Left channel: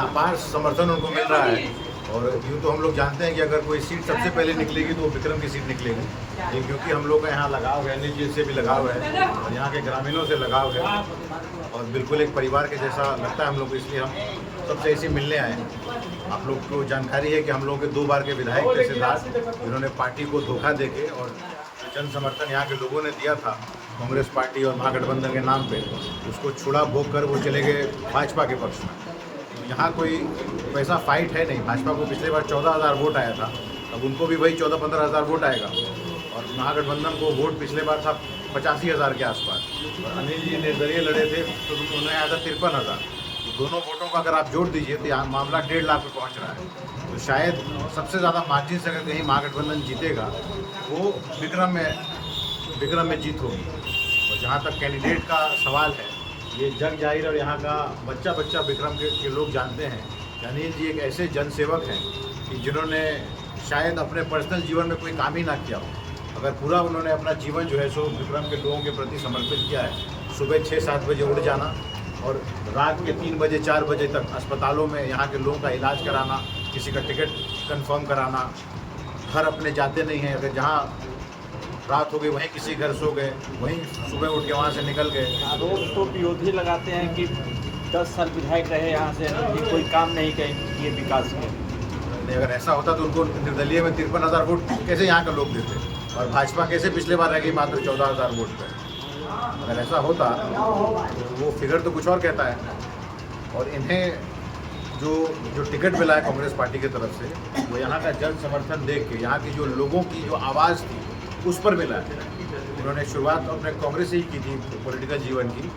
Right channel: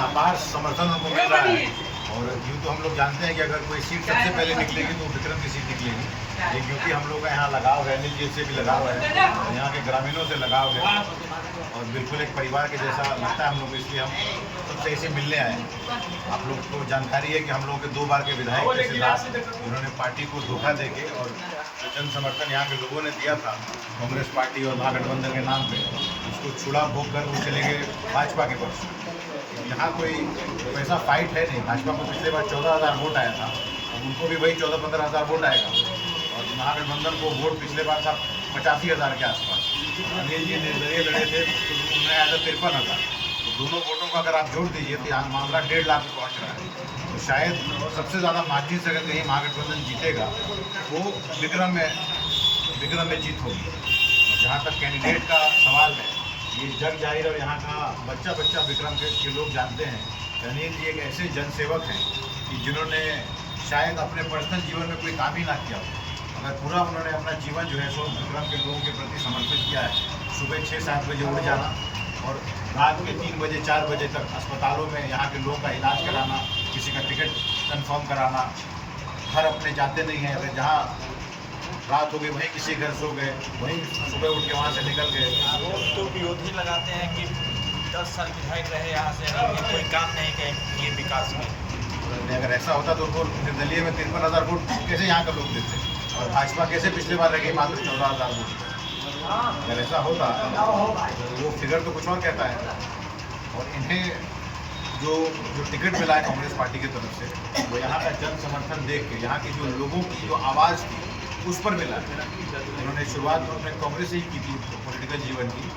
अपार समर्थन उनको मिल रहा है। और यूँ तो हम लोग जानते हैं कि अगर कोई सीट सबसे पहले निकलेगी तो विक्रम की सीट निकलेगी, लेकिन क्योंकि हम लोग का यहाँ लगाव है, अनिल जी से भी लगाव है, यहाँ के ग्रामीणों से लगाव है और बिल्कुल एक परिवार के जैसा लगता है हम लोग को, इसलिए हम सबसे इसी मिलने आए। आप लोग को जानकारी है कि हम लोगों के 2 बार के विधायक थे सिद्धार्थ, जिन्होंने पार्टी को धोखा देके और जन समर्थन यहाँ के लोगों ने दिया था कांग्रेस पार्टी और महागठबंधन के नाम पे, उसको छुड़ा भोग कर वो चले गए भाजपा के पक्ष में। यहाँ कोई वैसा फाइट है नहीं। भाजपा को पिछले बार 14,000 वोट आया था, अब उनको भी वही 14-15,000 वोट आएगा। और महागठबंधन को वोट पिछले बार था 85,000 के आसपास, और अनिल जी निर्दलीय लड़े थे तो उन्हें आया था 53,000। तो दोनों वोटों का अगर आप जोड़ दीजिए तो यहाँ मामला 1.5 लाख पर पहुँच रहा है। तो शायद सबसे ज़्यादा मार्जिन से अगर कहीं महागठबंधन जीतेगा वो विक्रम में जीत होगी। और जहाँ तक कैंडिडेट का सवाल है, ये जग जाहिर और यहाँ का बच्चा विक्रम के लोग जानते हैं। अनिल जी एक ऐसे जनसेवक हैं कि जिन्होंने शायद अपने पर्सनल जीवन में कोई काम ही ना किया हो, अगर पूरा उन्होंने अपना जीवन जो है सो विक्रम के लोगों के प्रति समर्पित किया है। सुबह 6-7 बजे उठ जाना और रात के 3 बजे 4 बजे तक अस्पतालों में यहाँ के लोगों का इलाज कराना, किसी का टिकट कंफर्म कराना, घर अपने जाते नहीं हैं, अगर जहाँ रात हो गई वहीं किसी घर सो गए, वहीं सुबह उठ के वहाँ से निकल गए। तो विरोधी लगाते हैं कि 10 साल विधायक रहे यहाँ से, ये कोई काम नहीं किए विकास में। अगर ऐसा होता तो उनको निर्दलीय में 53,000 वोट कैसे यहाँ का लोग देते, और भाजपा कैसे पिछले बार रह गई मात्र 14,000 वोट पर। अगर ऐसा होता तो वो फिगर तो कुछ और कहता है। और इन्हें जो टिकट मिला है कांग्रेस पार्टी की तरफ से, वो यहाँ का जन समर्थन देख के, यहाँ की जो लोगों की जो आवाज़ थी उस पर मिला है। उन्होंने शुरुआत अपने कांग्रेस से ही की थी पॉलिटिकल जीवन की,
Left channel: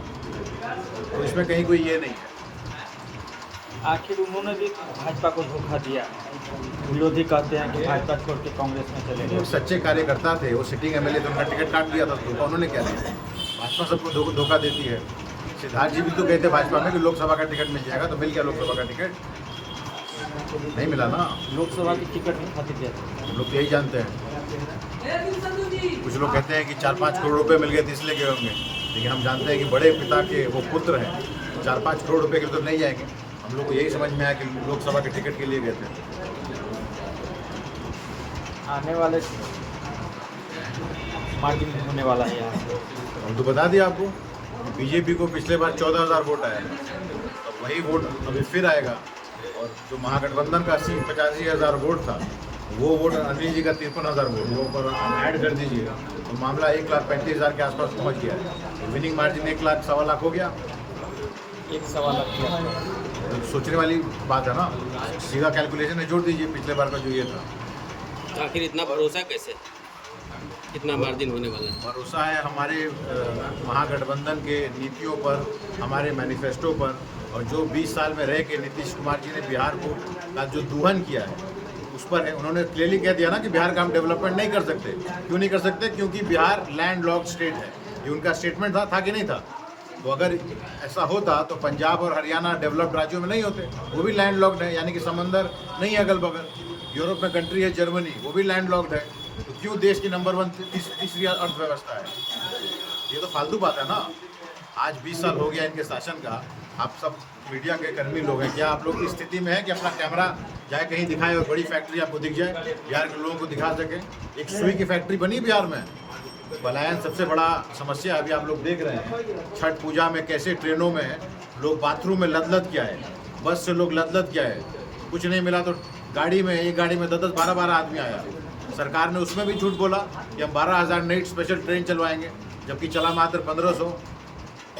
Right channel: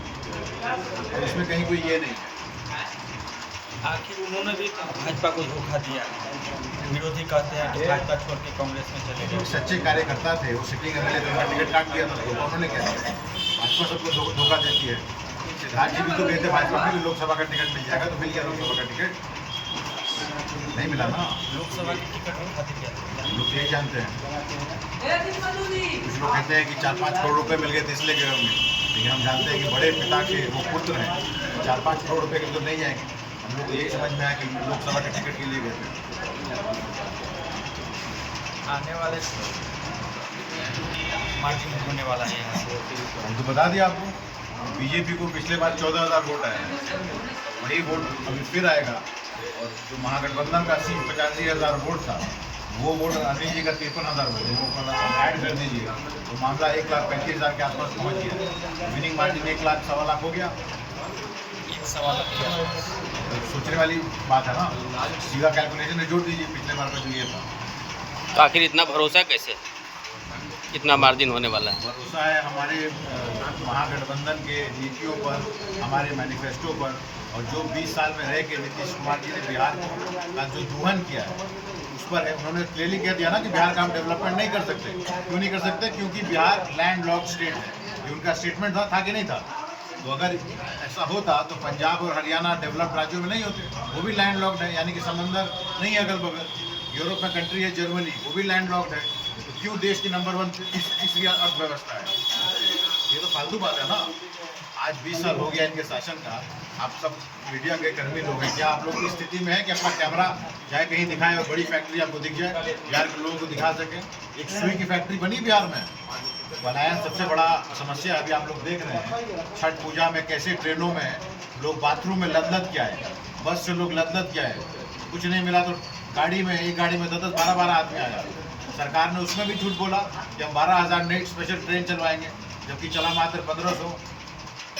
तो इसमें कहीं कोई ये नहीं है। आखिर उन्होंने भी भाजपा को धोखा दिया है। विरोधी कहते हैं कि भाजपा छोड़ के कांग्रेस में चले गए। सच्चे कार्यकर्ता थे, वो सिटिंग एमएलए थे, उनका टिकट काट दिया था, धोखा उन्होंने क्या दिया। भाजपा सबको धोखा देती है। सिद्धार्थ जी भी तो कहते भाजपा में कि लोकसभा का टिकट मिल जाएगा, तो मिल गया लोकसभा का टिकट, नहीं मिला ना। लोकसभा की टिकट खातिर क्या हम लोग यही जानते हैं। कुछ लोग कहते हैं कि 4-5 करोड़ रुपए मिल गए थे इसलिए गए होंगे, लेकिन हम जानते हैं कि बड़े पिता के वो पुत्र हैं, 4-5 करोड़ रुपए के तो नहीं जाएंगे। हम लोग को यही समझ में आया कि लोकसभा के टिकट के लिए गए थे। आने वाले मार्जिन होने वाला है यहाँ से, हम तो बता दिया आपको, बीजेपी को पिछले बार 14,000 वोट आया, वही वोट अभी फिर आएगा। और जो महागठबंधन का 85,000 वोट था, वो वोट अनिल जी का 53,000 वोट, वो ऐड कर दीजिए तो मामला 1,35,000 के आसपास पहुंच गया है। विनिंग मार्जिन 1 लाख 1.25 लाख हो गया। 1.25 लाख सोचने वाली बात है ना, सीधा कैलकुलेशन में जोड़ दीजिए पिछले बार का जो ये था। तो आखिर इतना भरोसा कैसे, कितना मार्जिन होने वाला है? भरोसा है हमारे महागठबंधन के नीतियों पर, हमारे मैनिफेस्टो पर, और जो 20 साल में रह के नीतीश कुमार जी ने बिहार को का जो दोहन किया है उस पर है। उन्होंने क्लियरली कह दिया ना कि बिहार का हम डेवलपमेंट नहीं कर सकते। क्यों नहीं कर सकते? क्योंकि बिहार लैंड लॉक स्टेट है। ये उनका स्टेटमेंट था कि नहीं था? तो अगर ऐसा होता तो पंजाब और हरियाणा डेवलप्ड राज्यों में नहीं होते, वो भी लैंड लॉक्ड है, यानी कि समंदर नहीं है अगल बगल। यूरोप में कंट्री है जर्मनी, वो भी लैंड लॉक्ड है, तो क्यों देश की नंबर 1 तीसरी अर्थव्यवस्था है? ये तो फालतू बात है ना। आज 20 साल हो गया इनके शासन का। आप सब मीडिया के कर्मी लोग हैं, क्या आप लोग इस स्थिति में है कि अपना कैमरा जाए कहीं दिखाए और बड़ी फैक्ट्री आपको दिख जाए, बिहार के लोगों को दिखा सके? एक सुई की फैक्ट्री बनी बिहार में। पलायन सबसे बड़ा समस्या अभी आप लोग देख रहे हैं। छठ पूजा में कैसे ट्रेनों में लोग बाथरूम में लद के आए, बस से लोग लद के आए, कुछ नहीं मिला तो गाड़ी में, एक गाड़ी में 10-10, 12-12 आदमी आया। सरकार ने उसमें भी झूठ बोला कि हम 12,000 नई स्पेशल ट्रेन चलवाएंगे, जबकि चला मात्र 1,500।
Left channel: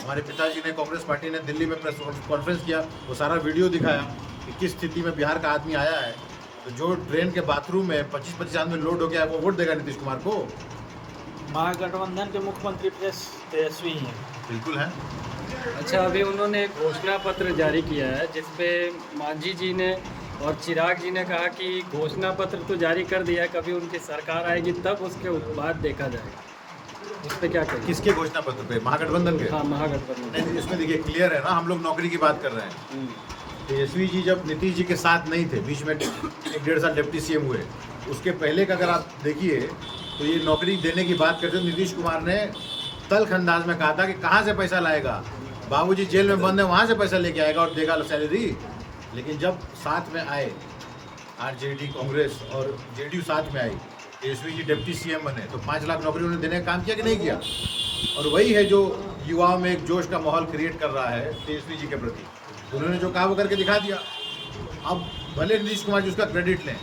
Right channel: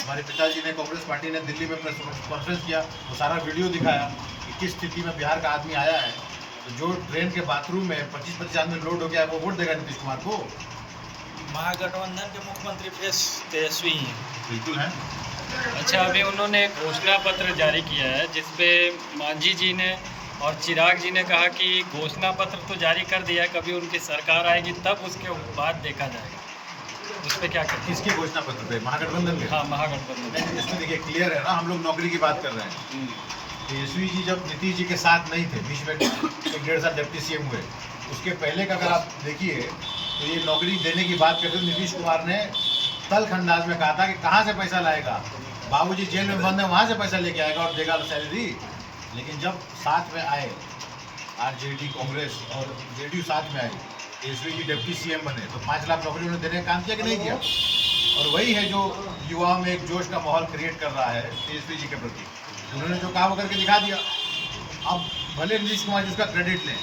हमारे पिताजी ने, कांग्रेस पार्टी ने दिल्ली में प्रेस कॉन्फ्रेंस किया, वो सारा वीडियो दिखाया कि किस स्थिति में बिहार का आदमी आया है। तो जो ट्रेन के बाथरूम में 25-25 आदमी लोड हो गया, वो वोट देगा नीतीश कुमार को? महागठबंधन के मुख्यमंत्री तेजस्वी हैं। बिल्कुल है। अच्छा, अभी उन्होंने घोषणा पत्र जारी किया है जिसपे मांझी जी ने और चिराग जी ने कहा कि घोषणा पत्र तो जारी कर दिया, कभी उनकी सरकार आएगी तब उसके बाद देखा जाएगा। उस पर क्या करें? किसके घोषणा पत्र पे? महागठबंधन के? हाँ, महागठबंधन। नहीं, इसमें देखिए क्लियर है ना, हम लोग नौकरी की बात कर रहे हैं। तेजस्वी जी जब नीतीश जी के साथ नहीं थे, बीच में 1-1.5 साल डिप्टी सीएम हुए, उसके पहले का अगर आप देखिए तो ये नौकरी देने की बात करते नीतीश कुमार ने तल्ख अंदाज में कहा था कि कहाँ से पैसा लाएगा, बाबूजी जेल में बंद है, वहाँ से पैसा लेके आएगा और देगा सैलरी। लेकिन जब साथ में आए आरजेडी कांग्रेस और जेडीयू साथ में आई, तेजस्वी जी डिप्टी सीएम बने, तो 5 लाख नौकरी उन्होंने देने का काम किया कि नहीं किया? और वही है जो युवाओं में एक जोश का माहौल क्रिएट कर रहा है तेजस्वी जी के प्रति। उन्होंने जो काम करके दिखा दिया। अब भले नीतीश कुमार जी उसका क्रेडिट लें,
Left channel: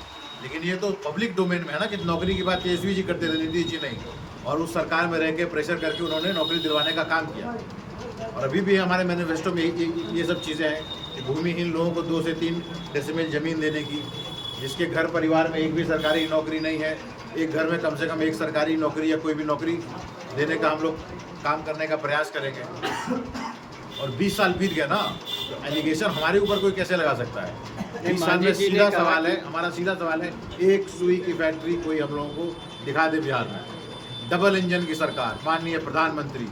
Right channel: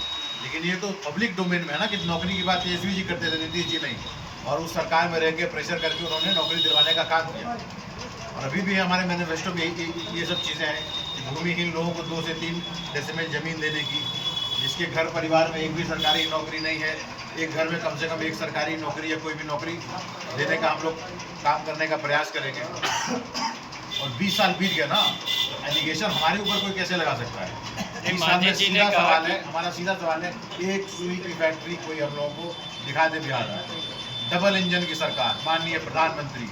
लेकिन ये तो पब्लिक डोमेन में है ना कि नौकरी की बात तेजस्वी जी करते थे, नीतीश जी नहीं। और उस सरकार में रह के प्रेशर करके उन्होंने नौकरी दिलवाने का काम किया। और अभी भी हमारे मैनिफेस्टो में ये सब चीज़ें हैं कि भूमिहीन लोगों को 2 से 3 डेसिमल ज़मीन देने की, जिसके घर परिवार में एक भी सरकारी नौकरी नहीं है, एक घर में कम से कम एक सरकारी नौकरी या कोई भी नौकरी देने का हम लोग काम करने का प्रयास करेंगे। और 20 साल बीत गया ना, तो एलिगेशन हमारे ऊपर कोई कैसे लगा सकता है? 20 साल में सीधा सवाल है, हमारा सीधा सवाल है, एक सुई की फैक्ट्री कोई हम लोगों को दिखा दे बिहार में। डबल इंजन की सरकार, माननीय प्रधानमंत्री,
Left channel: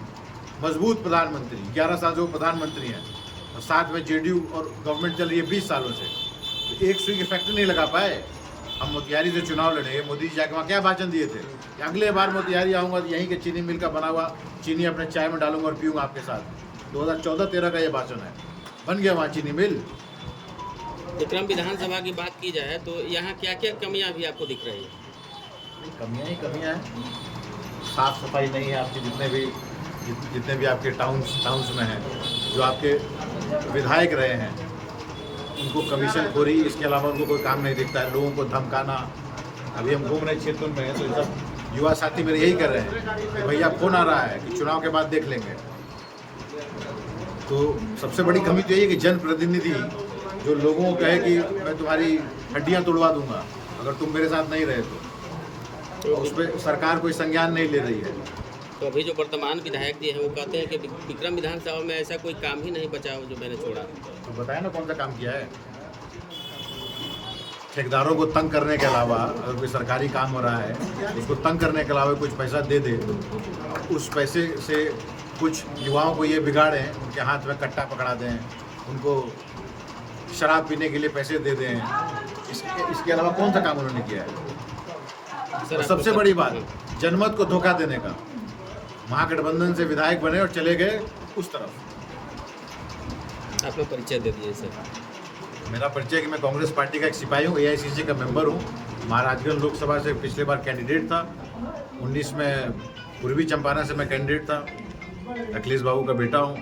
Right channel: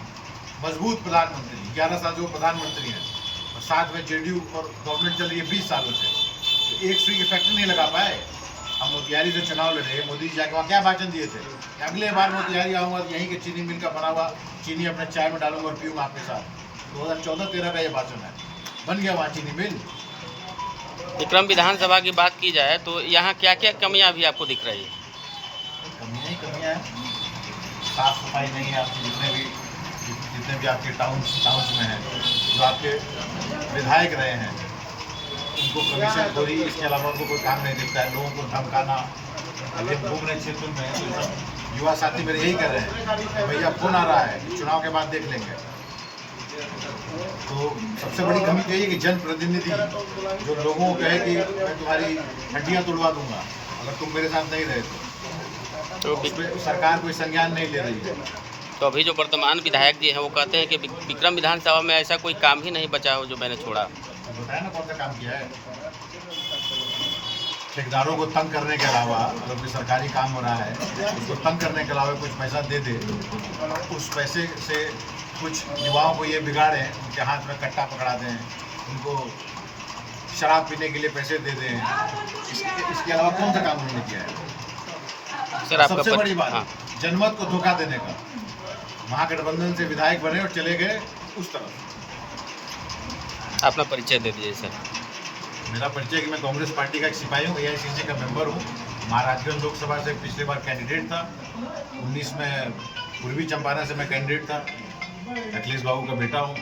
मजबूत प्रधानमंत्री, 11 साल से वो प्रधानमंत्री हैं, और साथ में जेडीयू और गवर्नमेंट चल रही है 20 सालों से, तो एक सुई की फैक्ट्री नहीं लगा पाए। हम मोतिहारी से चुनाव लड़े, मोदी जी जाके वहाँ क्या भाषण दिए थे कि अगले बार मोतिहारी आऊँगा तो यहीं के चीनी मिल का बना हुआ चीनी अपने चाय में डालूंगा और पीऊँगा आपके साथ। 2014-13 का ये भाषण है, बन गया वहाँ चीनी मिल। विक्रम विधानसभा की बात की जाए तो यहाँ क्या क्या कमियाँ भी आपको दिख रही है? कमियाँ ही कमियाँ हैं। साफ़ सफाई नहीं है आपकी, जितने भी आपके टाउन्स में हैं, जो आपके विधायक रहे हैं उनको कमीशन खोरी, इसके अलावा उनको कोई काम नहीं दिखता है। लोगों को धमकाना, अभी हम घूम रहे क्षेत्र में तो सब युवा साथी मेरे यही कर रहे हैं कि भैया फोन आ रहा है कि चुनाव के बाद देख लेंगे। तो सबसे बड़ी कमी तो ये है कि जनप्रतिनिधि जो लोगों को कहे कि मैं तुम्हारी हड्डियाँ तोड़वा दूंगा अगर तुम मेरे साथ नहीं रहे तो उस पर सरकार कोई संज्ञान नहीं ले रही है। तो अभी जो वर्तमान विधायक जी हैं वो कहते हैं कि विक्रम विधानसभा में ऐसा कोई काम ही नहीं बचा हो जो मैंने छोड़ा। तो बताया ना कौन सा काम किया है। ठेकेदारों को तंग करने के अलावा अगर कोई सरकारी काम हो रहा है उसको तंग करने के अलावा कुछ पैसा दे दे, उस पैसे से कुछ युवाओं को ये बिगाड़ें, उनके हाथ में कट्टा पकड़ा दें, उनको शराब पीने के लिए पैसे दे दें, इसके अलावा कौन सा काम उन्होंने किया है? सर सबसे बड़ी बात, हाँ। जनमत को धोखा देने का। महागठबंधन से विधायक बने और चले गए उस तरफ। अपना परिचय दे दीजिए सर। मेरा परिचय कि मैं कांग्रेस पार्टी का एक सिपाही हूँ, AICC का मेंबर हूँ, महाराजगंज लोकसभा से पिछले बार कैंडिडेट था, 19 में पूर्वी चंपारण से मैं कैंडिडेट था, अखिलेश बाबू का बेटा हूँ।